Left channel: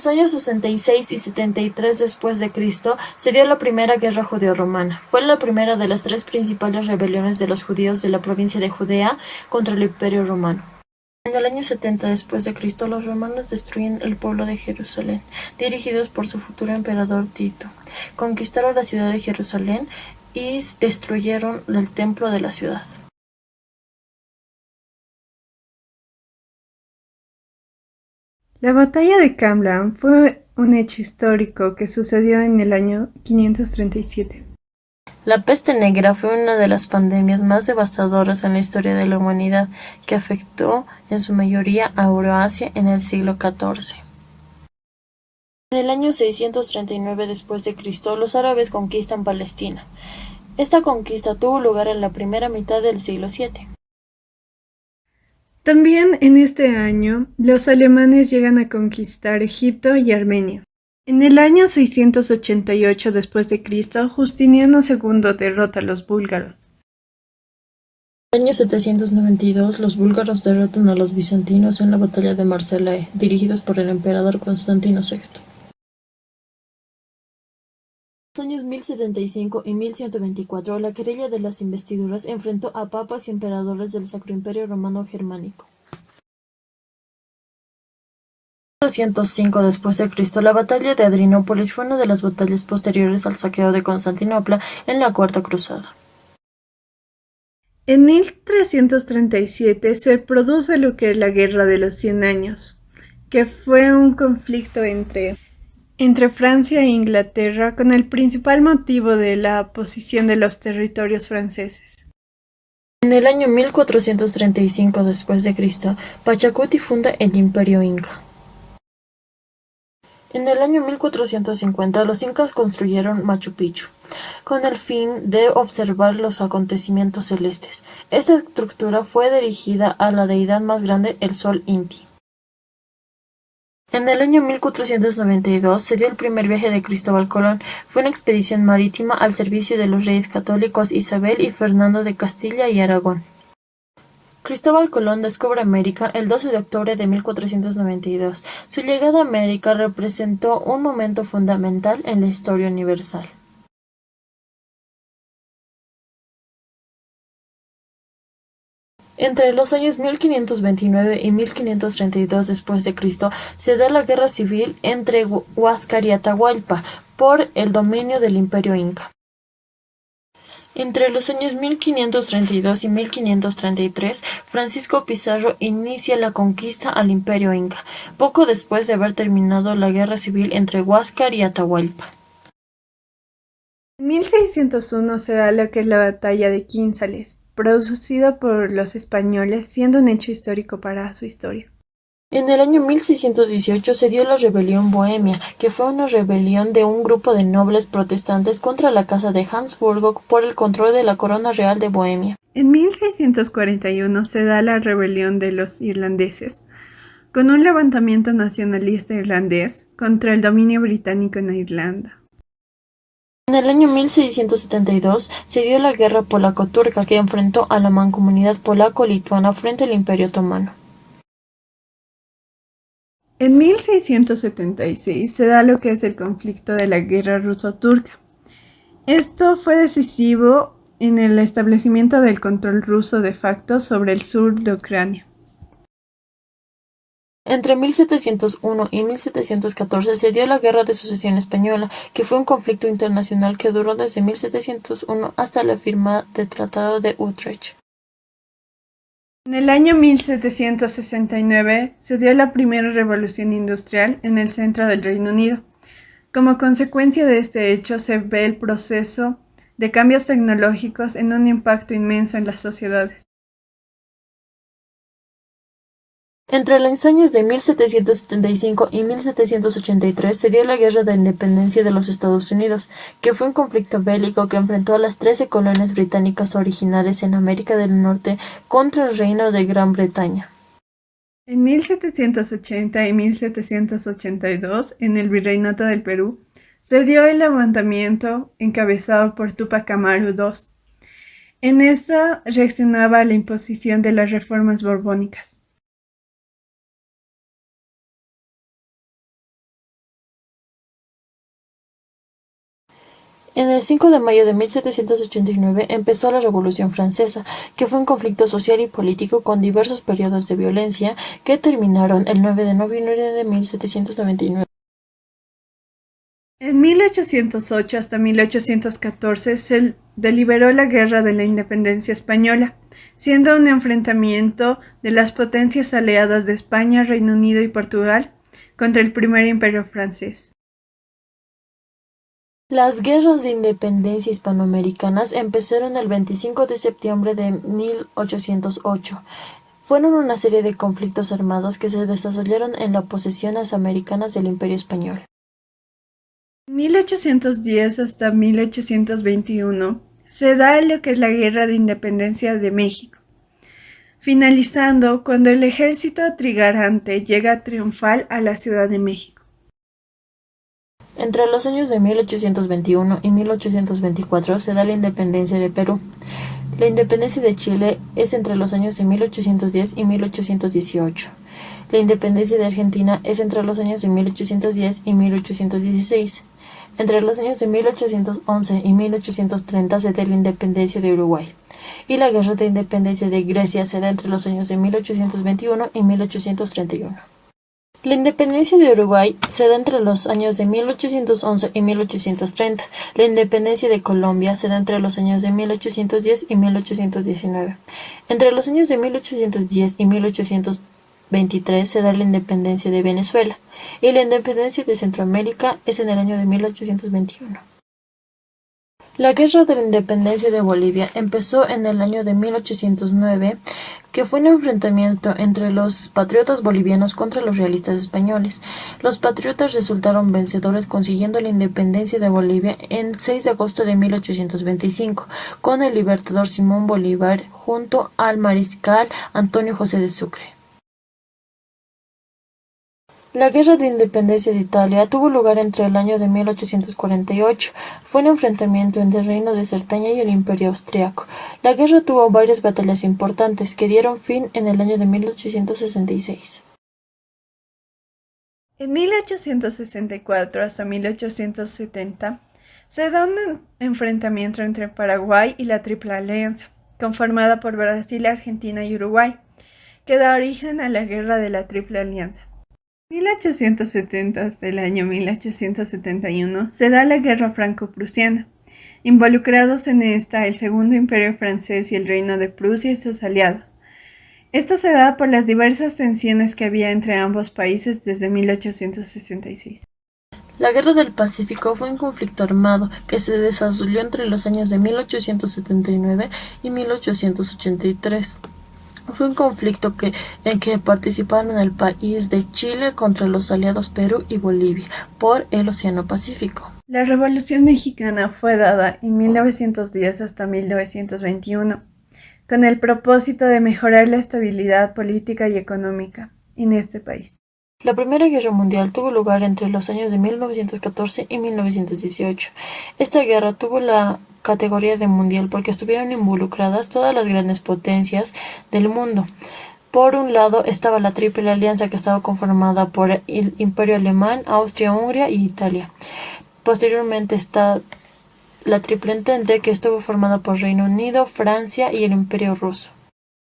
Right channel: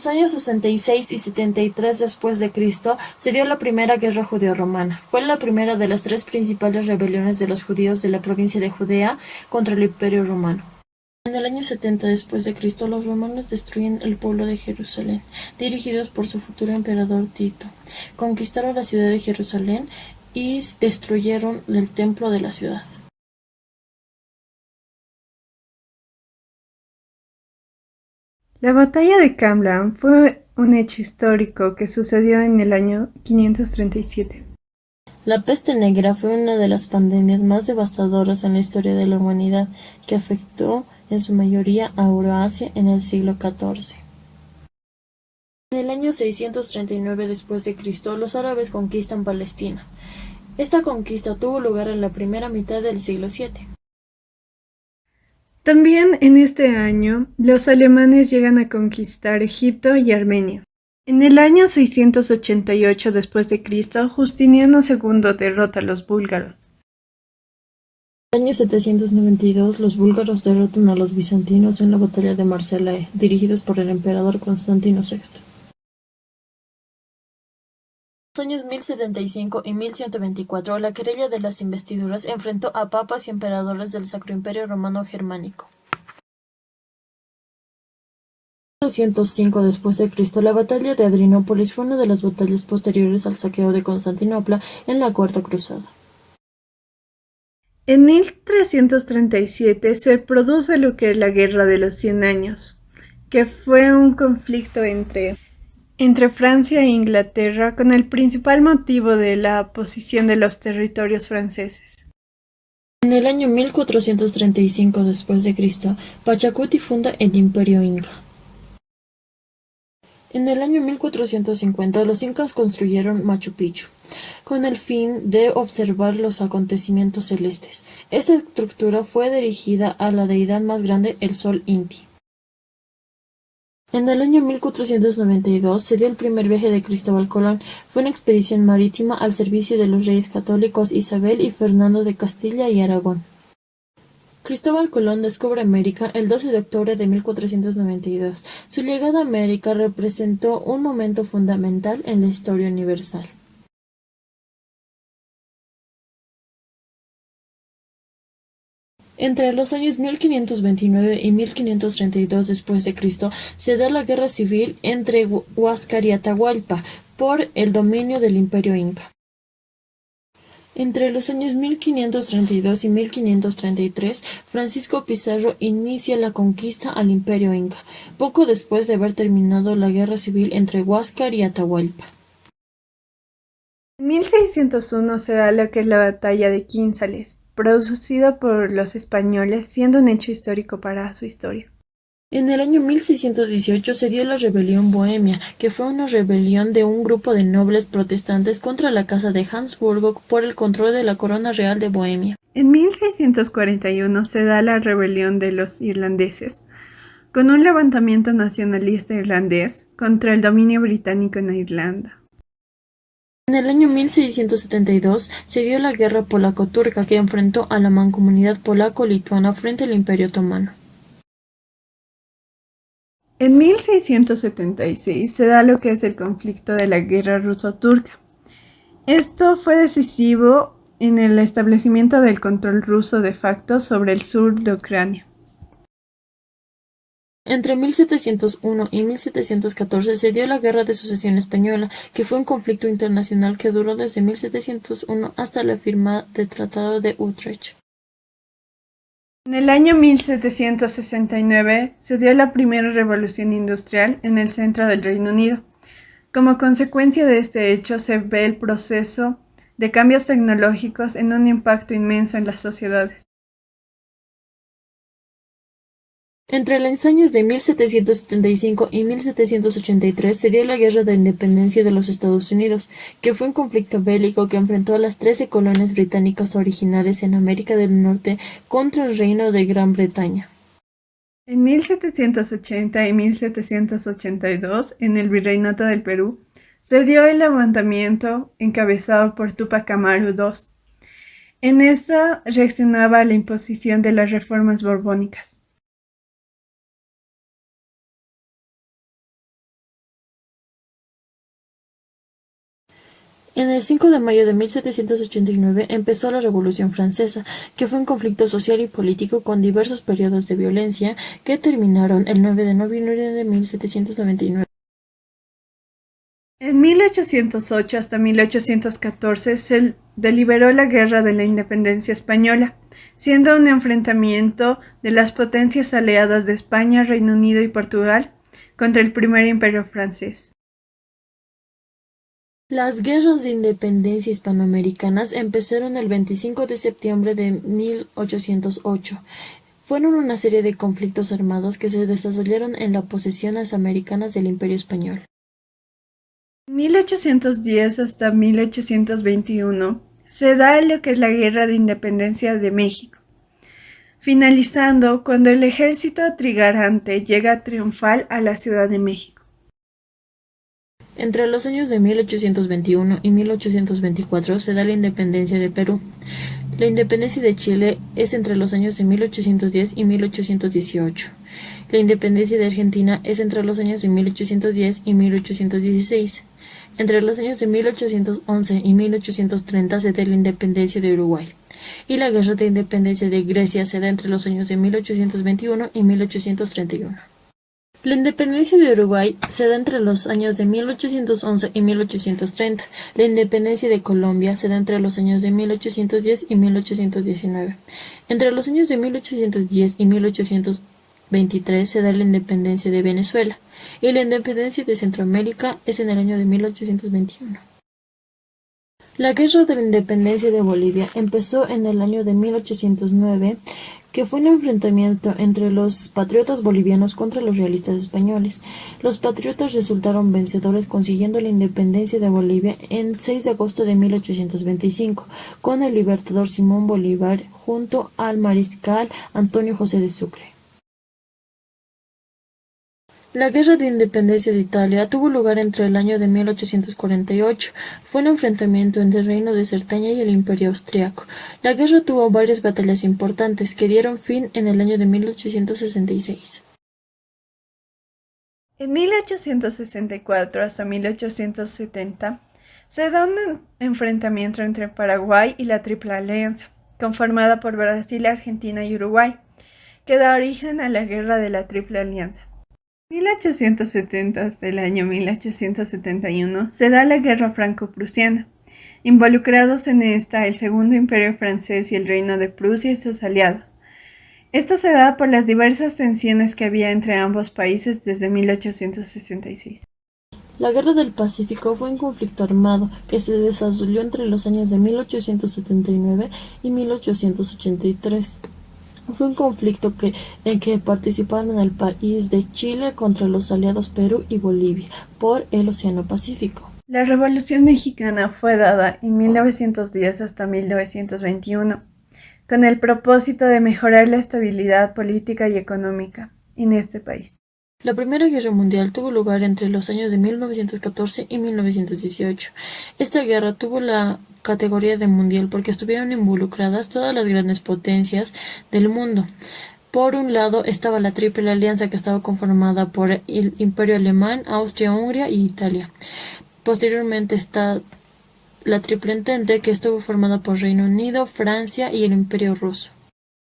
los años 66 y 73 después de Cristo se dio la primera guerra judeo-romana. Fue la primera de las tres principales rebeliones de los judíos de la provincia de Judea contra el Imperio Romano. En el año 70 después de Cristo, los romanos destruyen el pueblo de Jerusalén, dirigidos por su futuro emperador Tito. Conquistaron la ciudad de Jerusalén y destruyeron el templo de la ciudad. La batalla de Camblan fue un hecho histórico que sucedió en el año 537. La peste negra fue una de las pandemias más devastadoras en la historia de la humanidad, que afectó en su mayoría a Euroasia en el siglo XIV. En el año 639 después de Cristo, los árabes conquistan Palestina. Esta conquista tuvo lugar en la primera mitad del siglo VII. También en este año, los alemanes llegan a conquistar Egipto y Armenia. En el año 688 después de Cristo, Justiniano II derrota a los búlgaros. En el año 792, los búlgaros derrotan a los bizantinos en la batalla de Marsella, dirigidos por el emperador Constantino VI. En los años 1075 y 1124, la querella de las investiduras enfrentó a papas y emperadores del Sacro Imperio Romano Germánico. En 205 después de Cristo, la batalla de Adrianópolis fue una de las batallas posteriores al saqueo de Constantinopla en la Cuarta Cruzada. En 1337 se produce lo que es la Guerra de los 100 Años, que fue un conflicto entre Francia e Inglaterra con el principal motivo de la posesión de los territorios franceses. En el año 1435 después de Cristo, Pachacuti funda el Imperio Inca. En el año 1450, los incas construyeron Machu Picchu, con el fin de observar los acontecimientos celestes. Esta estructura fue dirigida a la deidad más grande, el Sol Inti. En el año 1492 se dio el primer viaje de Cristóbal Colón. Fue una expedición marítima al servicio de los reyes católicos Isabel y Fernando de Castilla y Aragón. Cristóbal Colón descubre América el 12 de octubre de 1492. Su llegada a América representó un momento fundamental en la historia universal. Entre los años 1529 y 1532 después de Cristo se da la guerra civil entre Huáscar y Atahualpa por el dominio del Imperio Inca. Entre los años 1532 y 1533, Francisco Pizarro inicia la conquista al Imperio Inca, poco después de haber terminado la guerra civil entre Huáscar y Atahualpa. En 1601 se da lo que es la Batalla de Quínzales, producida por los españoles, siendo un hecho histórico para su historia. En el año 1618 se dio la rebelión bohemia, que fue una rebelión de un grupo de nobles protestantes contra la casa de Habsburgo por el control de la corona real de Bohemia. En 1641 se da la rebelión de los irlandeses, con un levantamiento nacionalista irlandés contra el dominio británico en Irlanda. En el año 1672 se dio la guerra polaco-turca que enfrentó a la mancomunidad polaco-lituana frente al Imperio Otomano. En 1676 se da lo que es el conflicto de la guerra ruso-turca. Esto fue decisivo en el establecimiento del control ruso de facto sobre el sur de Ucrania. Entre 1701 y 1714 se dio la Guerra de Sucesión Española, que fue un conflicto internacional que duró desde 1701 hasta la firma del Tratado de Utrecht. En el año 1769 se dio la primera revolución industrial en el centro del Reino Unido. Como consecuencia de este hecho se ve el proceso de cambios tecnológicos en un impacto inmenso en las sociedades. Entre los años de 1775 y 1783 se dio la Guerra de Independencia de los Estados Unidos, que fue un conflicto bélico que enfrentó a las 13 colonias británicas originales en América del Norte contra el Reino de Gran Bretaña. En 1780 y 1782, en el Virreinato del Perú, se dio el levantamiento encabezado por Túpac Amaru II. En esta reaccionaba a la imposición de las reformas borbónicas. En el 5 de mayo de 1789 empezó la Revolución Francesa, que fue un conflicto social y político con diversos periodos de violencia que terminaron el 9 de noviembre de 1799. En 1808 hasta 1814 se deliberó la Guerra de la Independencia Española, siendo un enfrentamiento de las potencias aliadas de España, Reino Unido y Portugal contra el primer imperio francés. Las guerras de independencia hispanoamericanas empezaron el 25 de septiembre de 1808. Fueron una serie de conflictos armados que se desarrollaron en las posesiones americanas del Imperio Español. En 1810 hasta 1821 se da lo que es la Guerra de Independencia de México, finalizando cuando el ejército trigarante llega triunfal a la Ciudad de México. Entre los años de 1821 y 1824 se da la independencia de Perú. La independencia de Chile es entre los años de 1810 y 1818. La independencia de Argentina es entre los años de 1810 y 1816. Entre los años de 1811 y 1830 se da la independencia de Uruguay. Y la guerra de independencia de Grecia se da entre los años de 1821 y 1831. La independencia de Uruguay se da entre los años de 1811 y 1830. La independencia de Colombia se da entre los años de 1810 y 1819. Entre los años de 1810 y 1823 se da la independencia de Venezuela. Y la independencia de Centroamérica es en el año de 1821. La Guerra de la Independencia de Bolivia empezó en el año de 1809, que fue un enfrentamiento entre los patriotas bolivianos contra los realistas españoles. Los patriotas resultaron vencedores consiguiendo la independencia de Bolivia en 6 de agosto de 1825, con el libertador Simón Bolívar junto al mariscal Antonio José de Sucre. La Guerra de Independencia de Italia tuvo lugar entre el año de 1848. Fue un enfrentamiento entre el Reino de Cerdeña y el Imperio Austriaco. La guerra tuvo varias batallas importantes que dieron fin en el año de 1866. En 1864 hasta 1870 se da un enfrentamiento entre Paraguay y la Triple Alianza, conformada por Brasil, Argentina y Uruguay, que da origen a la Guerra de la Triple Alianza. En 1870 hasta el año 1871 se da la Guerra Franco-Prusiana, involucrados en esta el Segundo Imperio Francés y el Reino de Prusia y sus aliados. Esto se da por las diversas tensiones que había entre ambos países desde 1866. La Guerra del Pacífico fue un conflicto armado que se desarrolló entre los años de 1879 y 1883. Fue un conflicto en que participaron el país de Chile contra los aliados Perú y Bolivia por el Océano Pacífico. La Revolución Mexicana fue dada en 1910 hasta 1921, con el propósito de mejorar la estabilidad política y económica en este país. La Primera Guerra Mundial tuvo lugar entre los años de 1914 y 1918. Esta guerra tuvo la categoría de mundial porque estuvieron involucradas todas las grandes potencias del mundo. Por un lado estaba la Triple Alianza, que estaba conformada por el Imperio Alemán, Austria, Hungría y Italia. Posteriormente está la Triple Entente, que estuvo formada por Reino Unido, Francia y el Imperio Ruso.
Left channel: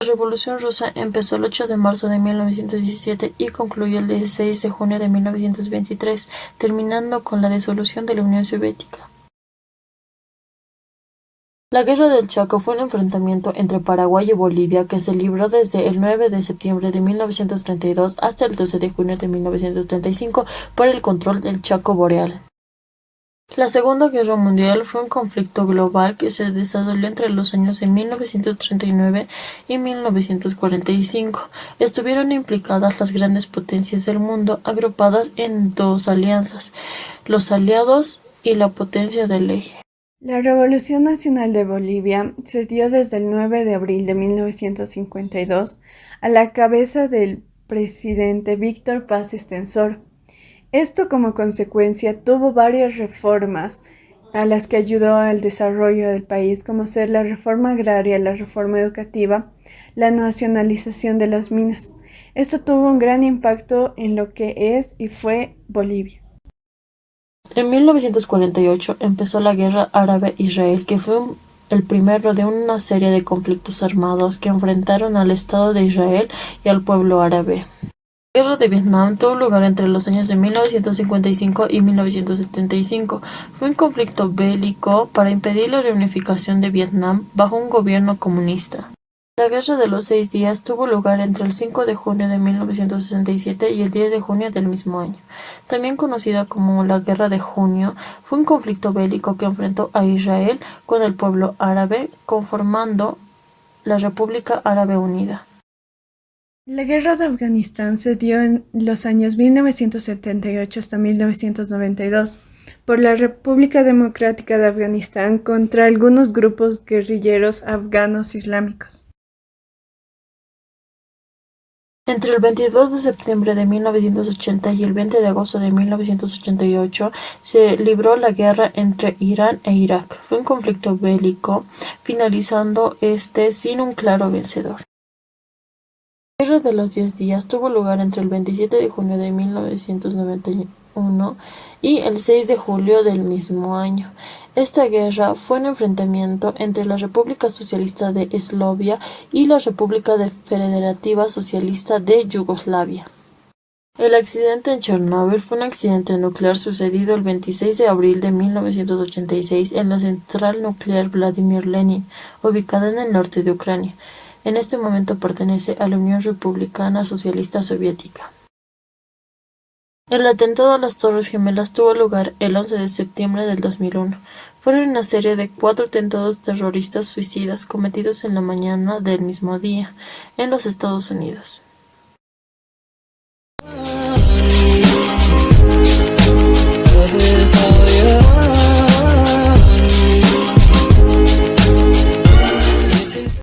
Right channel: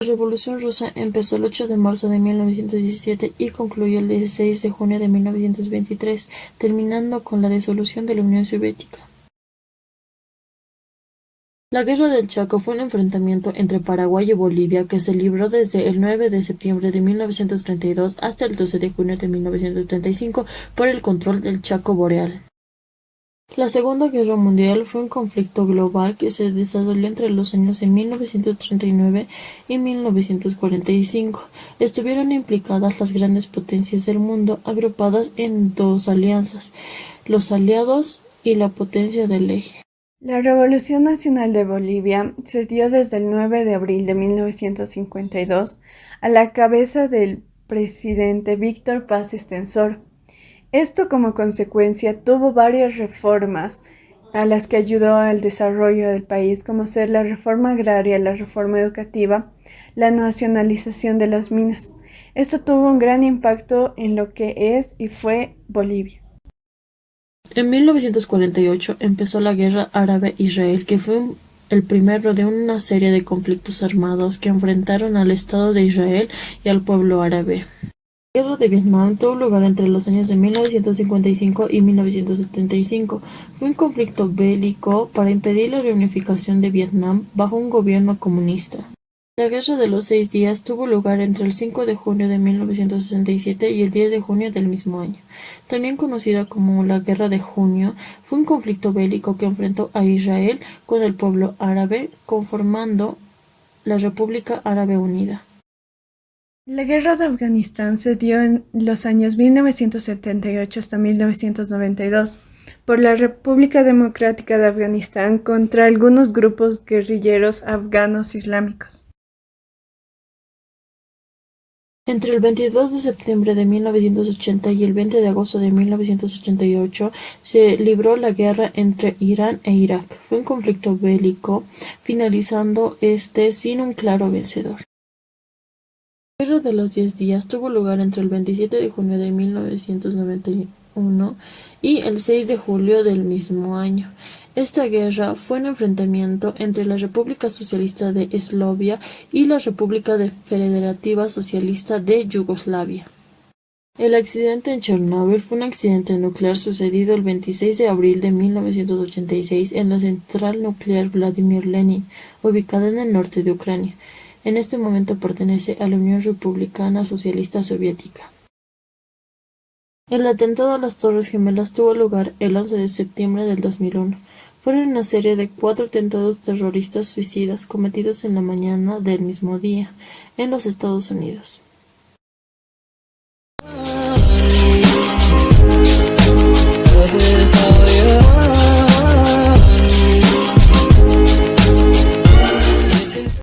La Revolución Rusa empezó el 8 de marzo de 1917 y concluyó el 16 de junio de 1923, terminando con la disolución de la Unión Soviética. La Guerra del Chaco fue un enfrentamiento entre Paraguay y Bolivia que se libró desde el 9 de septiembre de 1932 hasta el 12 de junio de 1935 por el control del Chaco Boreal. La Segunda Guerra Mundial fue un conflicto global que se desarrolló entre los años de 1939 y 1945. Estuvieron implicadas las grandes potencias del mundo, agrupadas en dos alianzas, los aliados y la potencia del eje. La Revolución Nacional de Bolivia se dio desde el 9 de abril de 1952 a la cabeza del presidente Víctor Paz Estenssoro. Esto como consecuencia tuvo varias reformas a las que ayudó al desarrollo del país, como ser la reforma agraria, la reforma educativa, la nacionalización de las minas. Esto tuvo un gran impacto en lo que es y fue Bolivia. En 1948 empezó la Guerra Árabe-Israel, que fue el primero de una serie de conflictos armados que enfrentaron al Estado de Israel y al pueblo árabe. La Guerra de Vietnam tuvo lugar entre los años de 1955 y 1975. Fue un conflicto bélico para impedir la reunificación de Vietnam bajo un gobierno comunista. La Guerra de los 6 días tuvo lugar entre el 5 de junio de 1967 y el 10 de junio del mismo año. También conocida como la Guerra de Junio, fue un conflicto bélico que enfrentó a Israel con el pueblo árabe, conformando la República Árabe Unida. La guerra de Afganistán se dio en los años 1978 hasta 1992 por la República Democrática de Afganistán contra algunos grupos guerrilleros afganos islámicos. Entre el 22 de septiembre de 1980 y el 20 de agosto de 1988 se libró la guerra entre Irán e Irak. Fue un conflicto bélico, finalizando sin un claro vencedor. La Guerra de los 10 días tuvo lugar entre el 27 de junio de 1991 y el 6 de julio del mismo año. Esta guerra fue un enfrentamiento entre la República Socialista de Eslovenia y la República Federativa Socialista de Yugoslavia. El accidente en Chernóbil fue un accidente nuclear sucedido el 26 de abril de 1986 en la central nuclear Vladimir Lenin, ubicada en el norte de Ucrania. En este momento pertenece a la Unión Republicana Socialista Soviética. El atentado a las Torres Gemelas tuvo lugar el 11 de septiembre del 2001. Fueron una serie de 4 atentados terroristas suicidas cometidos en la mañana del mismo día en los Estados Unidos.